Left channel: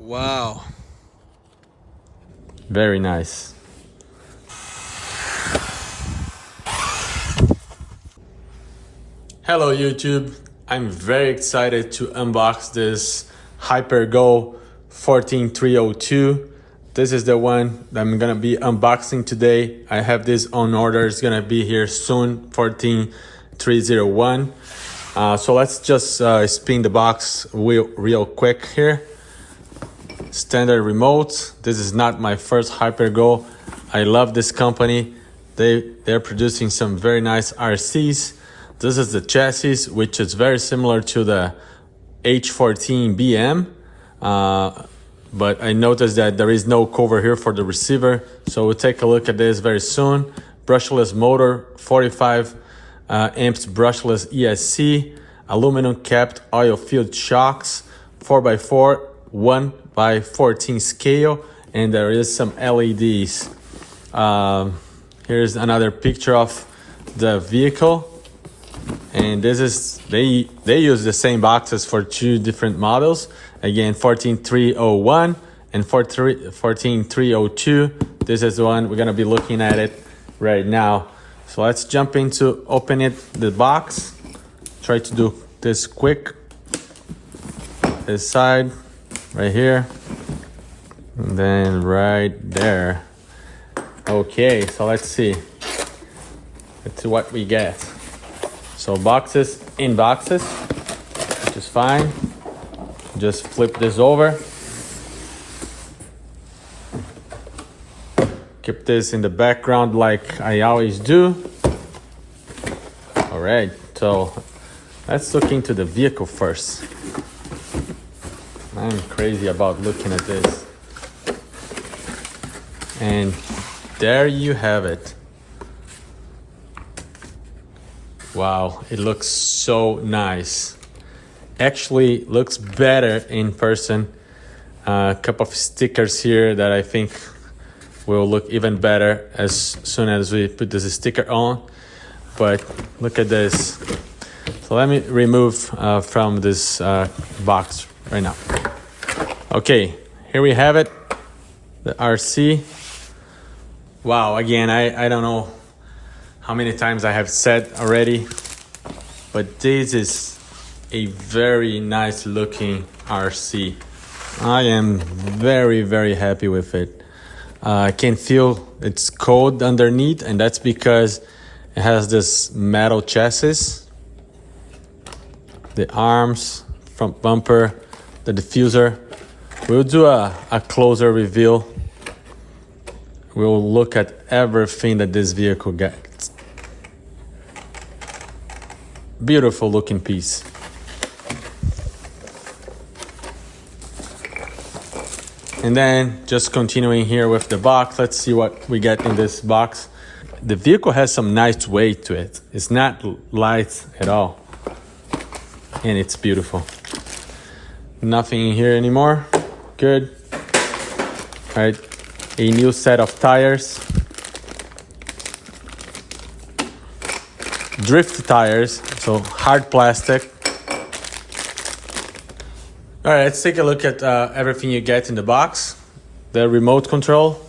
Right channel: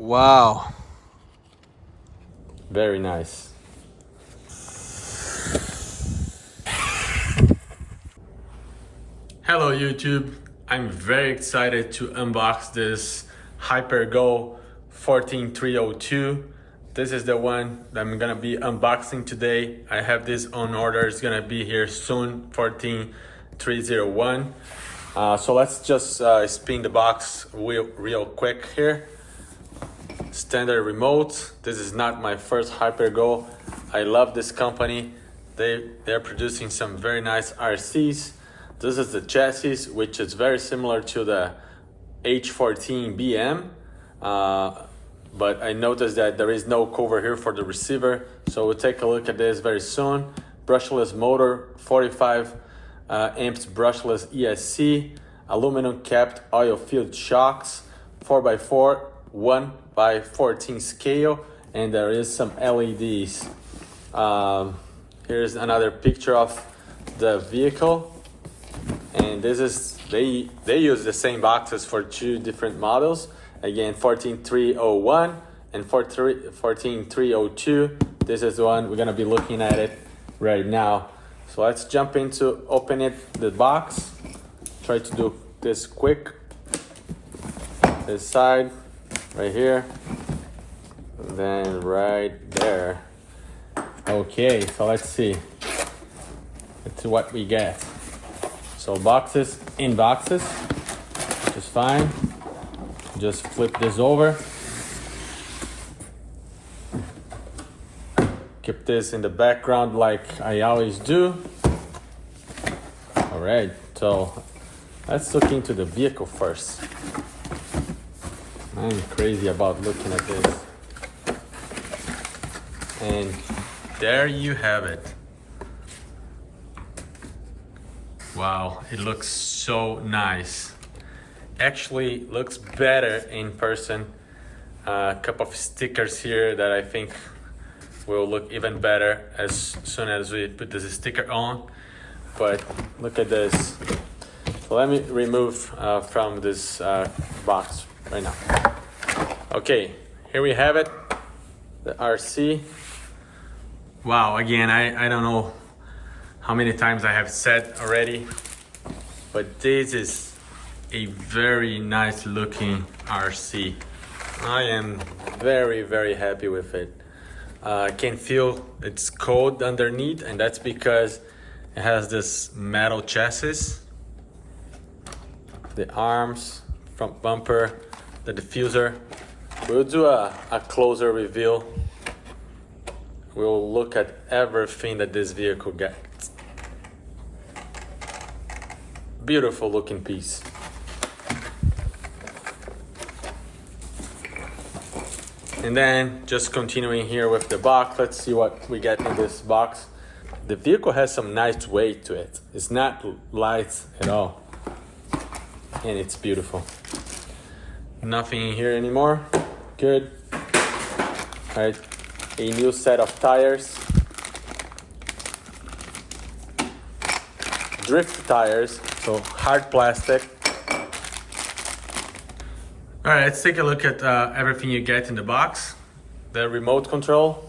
Wow. Very nice. Hello YouTube, I'm very excited to unbox this HyperGo 14302. This is the one that I'm gonna be unboxing today. I have this on order, it's gonna be here soon, 14301. So let's just spin the box real quick here. Standard remote. This is not my first HyperGo. I love this company. They're producing some very nice RCs. This is the chassis, which is very similar to the H14BM, but I noticed that there is no cover here for the receiver, so we'll take a look at this very soon. Brushless motor, 45 amps brushless ESC, aluminum capped oil filled shocks, 4x4, 1x14 scale, and there is some LEDs. Here's another picture of the vehicle. And this is, they use the same boxes for two different models. Again, 14301 and 14302. This is the one we're gonna be looking at it right now. So let's jump into opening the box. Try to do this quick. This side, right here, and then right there. Okay, so let's see what we get. So boxes in boxes, which is fine. Just flip this over. Keep this in the background like I always do. All right, so let's look into the vehicle first. I'm crazy about looking at this. And there you have it. Wow, it looks so nice. Actually looks better in person. A couple of stickers here that I think will look even better as soon as we put this sticker on. But look at this. So let me remove from this box right now. Okay, here we have it, the RC. Wow, again, I don't know how many times I have said already, but this is a very nice looking RC. I am very happy with it. I can feel it's cold underneath, and that's because it has this metal chassis, the arms, front bumper, the diffuser. We'll do a closer reveal. We'll look at everything that this vehicle gets. Beautiful looking piece. And then just continuing here with the box, let's see what we get in this box. The vehicle has some nice weight to it. It's not light at all. And it's beautiful. Nothing in here anymore. Good. All right, a new set of tires. Drift tires, so hard plastic. All right, let's take a look at everything you get in the box. The remote control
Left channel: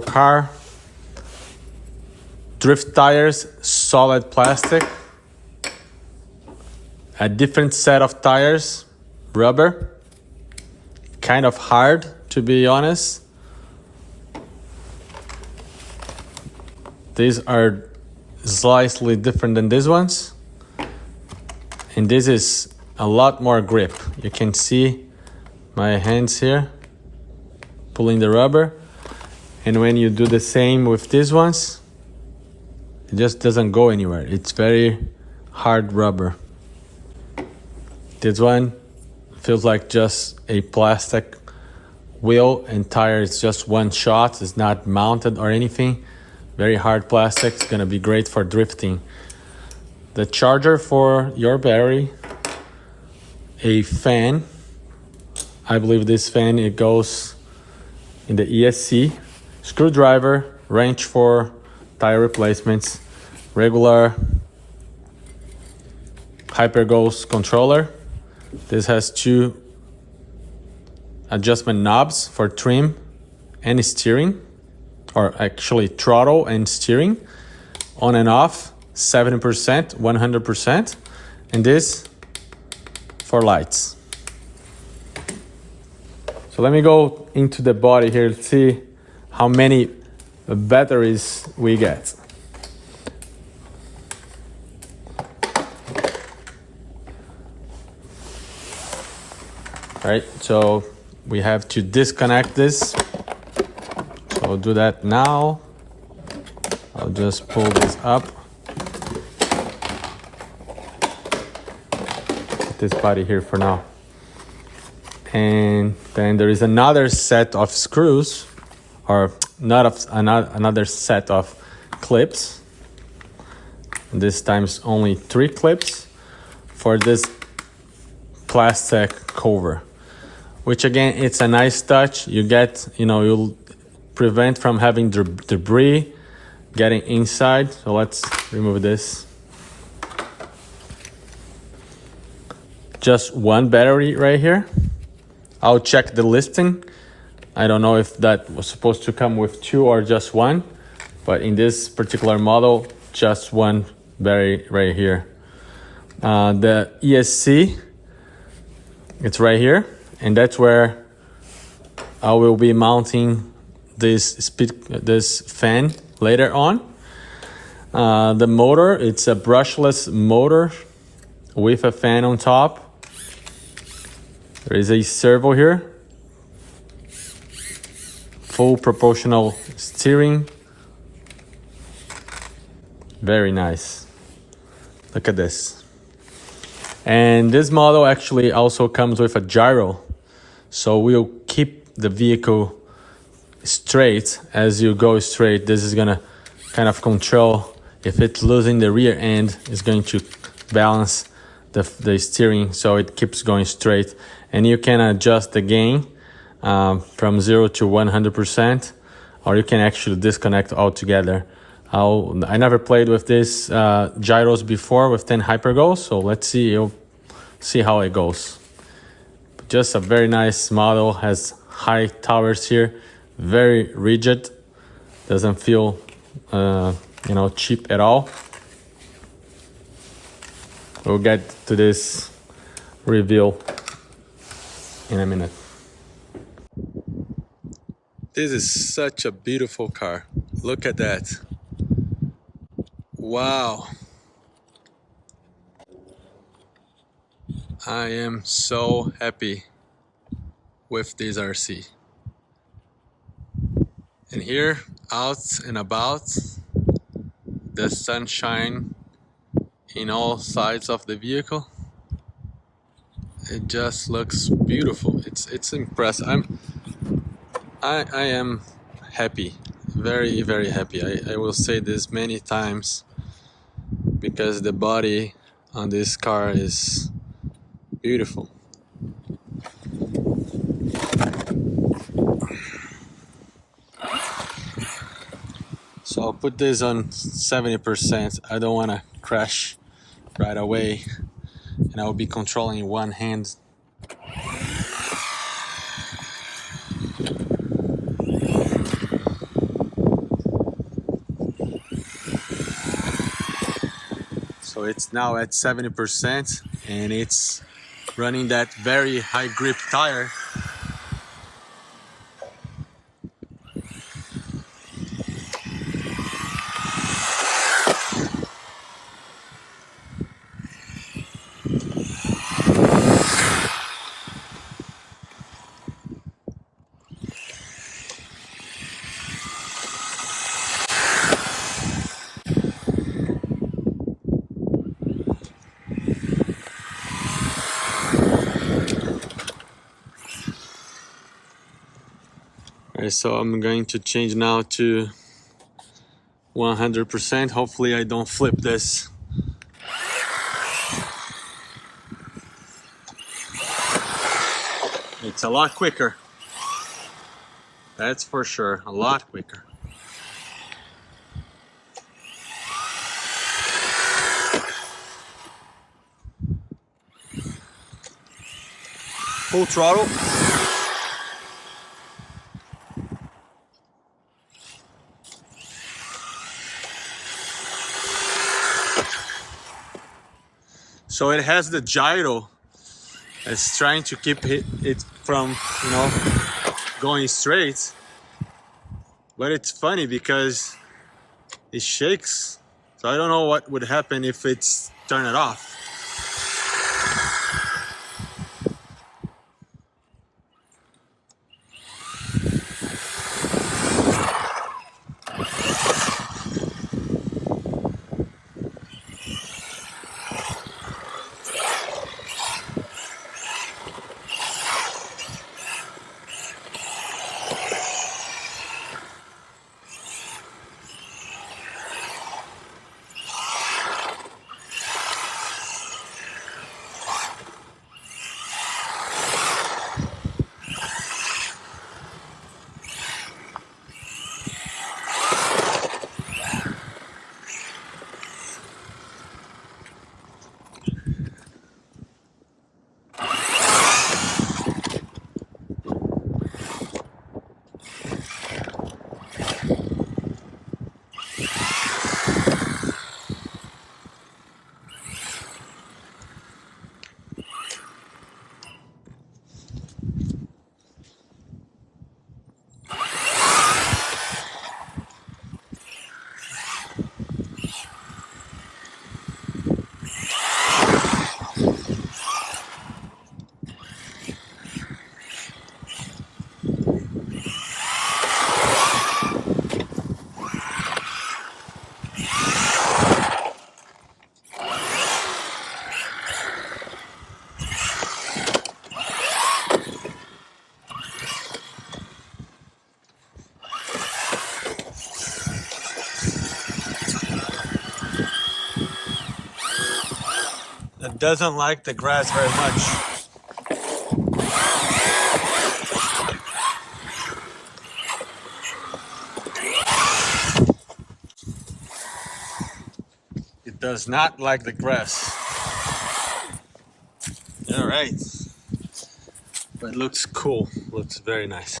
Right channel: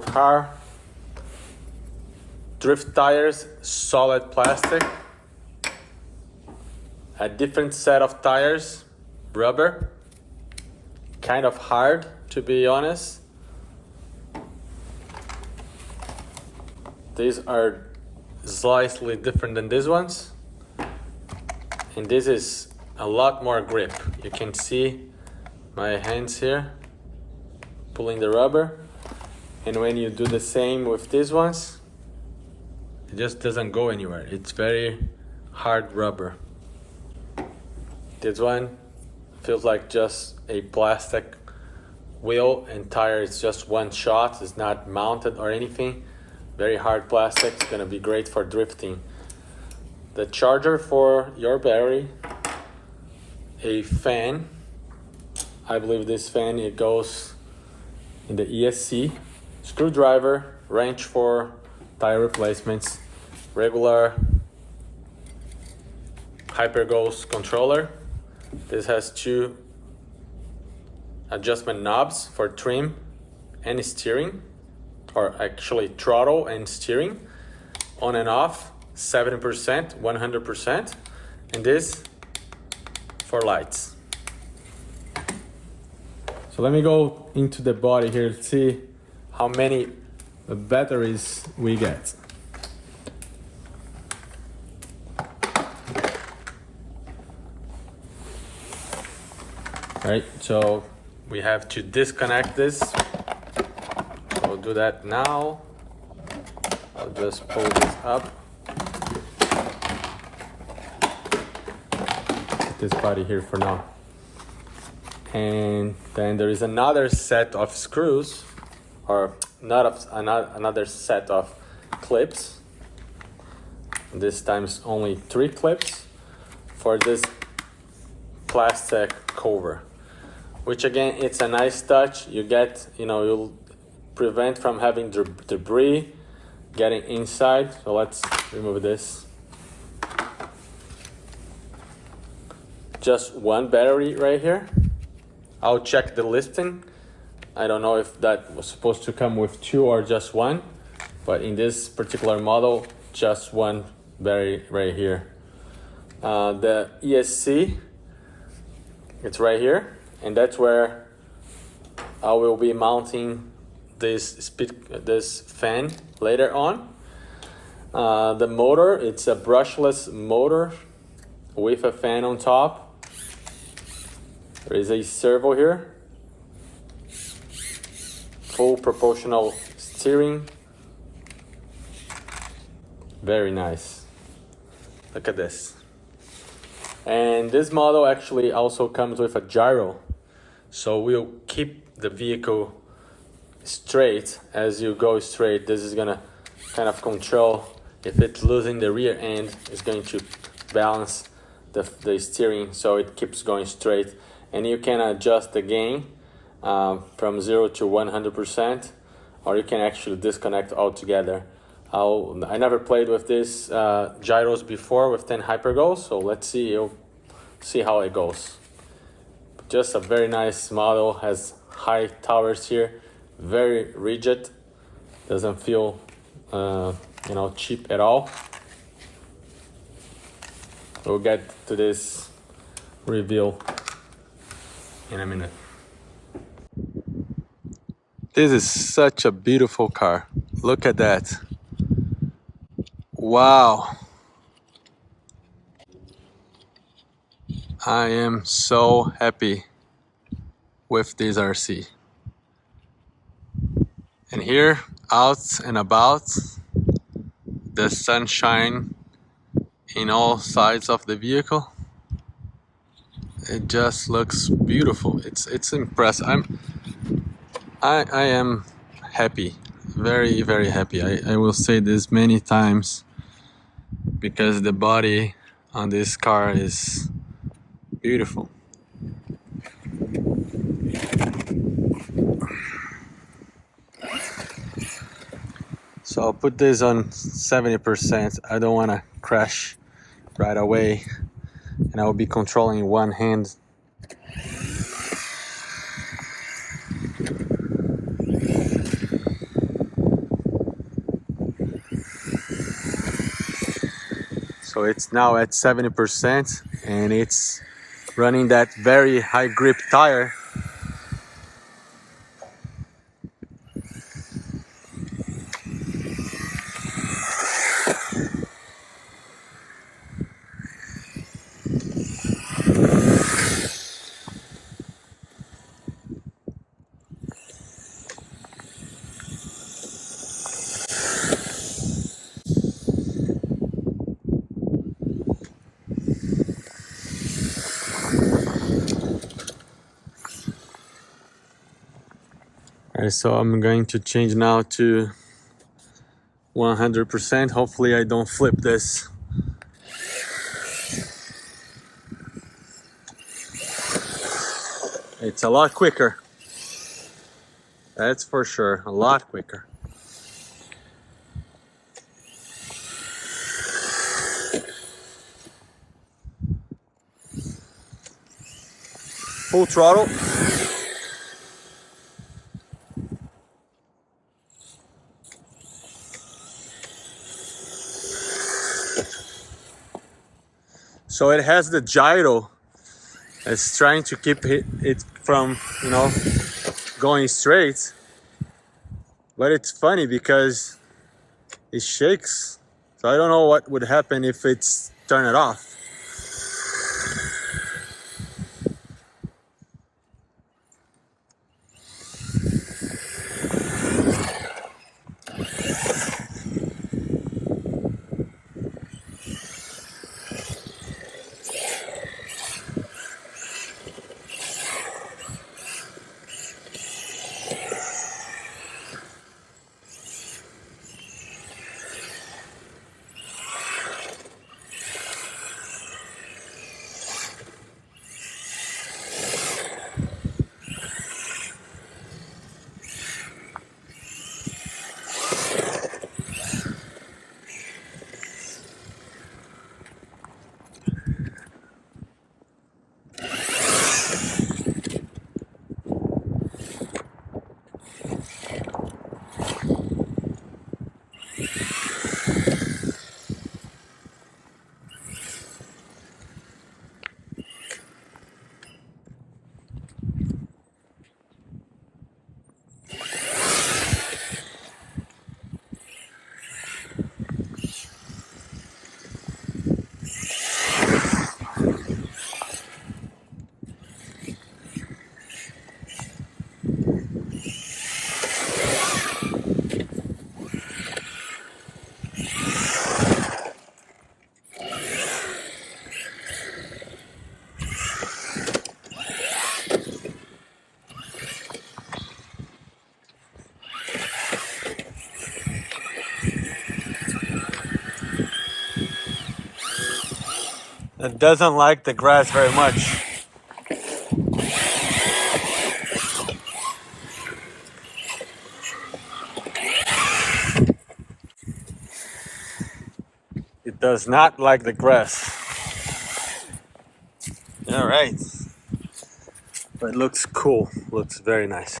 car, drift tires, solid plastic, a different set of tires, rubber, kind of hard to be honest. These are slightly different than these ones, and this is a lot more grip. You can see my hands here pulling the rubber, and when you do the same with these ones, it just doesn't go anywhere. It's very hard rubber. This one feels like just a plastic wheel and tire. It's just one shot, it's not mounted or anything. Very hard plastic. It's gonna be great for drifting. The charger for your battery, a fan. I believe this fan, it goes in the ESC. Screwdriver, wrench for tire replacements, regular HyperGo's controller. This has two adjustment knobs for trim and steering, or actually throttle and steering, on and off, 70%, 100%, and this for lights. So let me go into the body here to see how many batteries we get. All right, so we have to disconnect this. So I'll do that now. I'll just pull this up. Put this body here for now. And then there is another set of screws, or not of another set of clips. This time's only 3 clips for this plastic cover, which again, it's a nice touch. You get, you'll prevent from having debris getting inside. So let's remove this. Just one battery right here. I'll check the listing. I don't know if that was supposed to come with 2 or just 1, but in this particular model, just one battery right here. The ESC, it's right here, and that's where I will be mounting this fan later on. The motor, it's a brushless motor with a fan on top. There is a servo here, full proportional steering, very nice. Look at this. And this model actually also comes with a gyro, so we'll keep the vehicle straight. As you go straight, this is gonna kind of control. If it's losing the rear end, it's going to balance the steering so it keeps going straight. And you can adjust the gain from 0 to 100%, or you can actually disconnect altogether. I never played with this gyros before with 10 hypergos, so let's see. You'll see how it goes. Just a very nice model, has high towers here, very rigid, doesn't feel cheap at all. We'll get to this reveal in a minute. This is such a beautiful car. Look at that. Wow. I am so happy with this RC. And here, out and about, the sunshine in all sides of the vehicle. It just looks beautiful. It's impressive. I am happy, very, very happy. I will say this many times because the body on this car is beautiful. So I'll put this on 70%. I don't want to crash right away, and I'll be controlling one hand. So it's now at 70%, and it's running that very high grip tire. Alright, so I'm going to change now to 100%. Hopefully I don't flip this. It's a lot quicker. That's for sure, a lot quicker. Full throttle. So it has the gyro. It's trying to keep it from, you know, going straight. But it's funny because it shakes. So I don't know what would happen if it's turn it off. It doesn't like the grass very much. It does not like the grass. All right. But it looks cool. Looks very nice.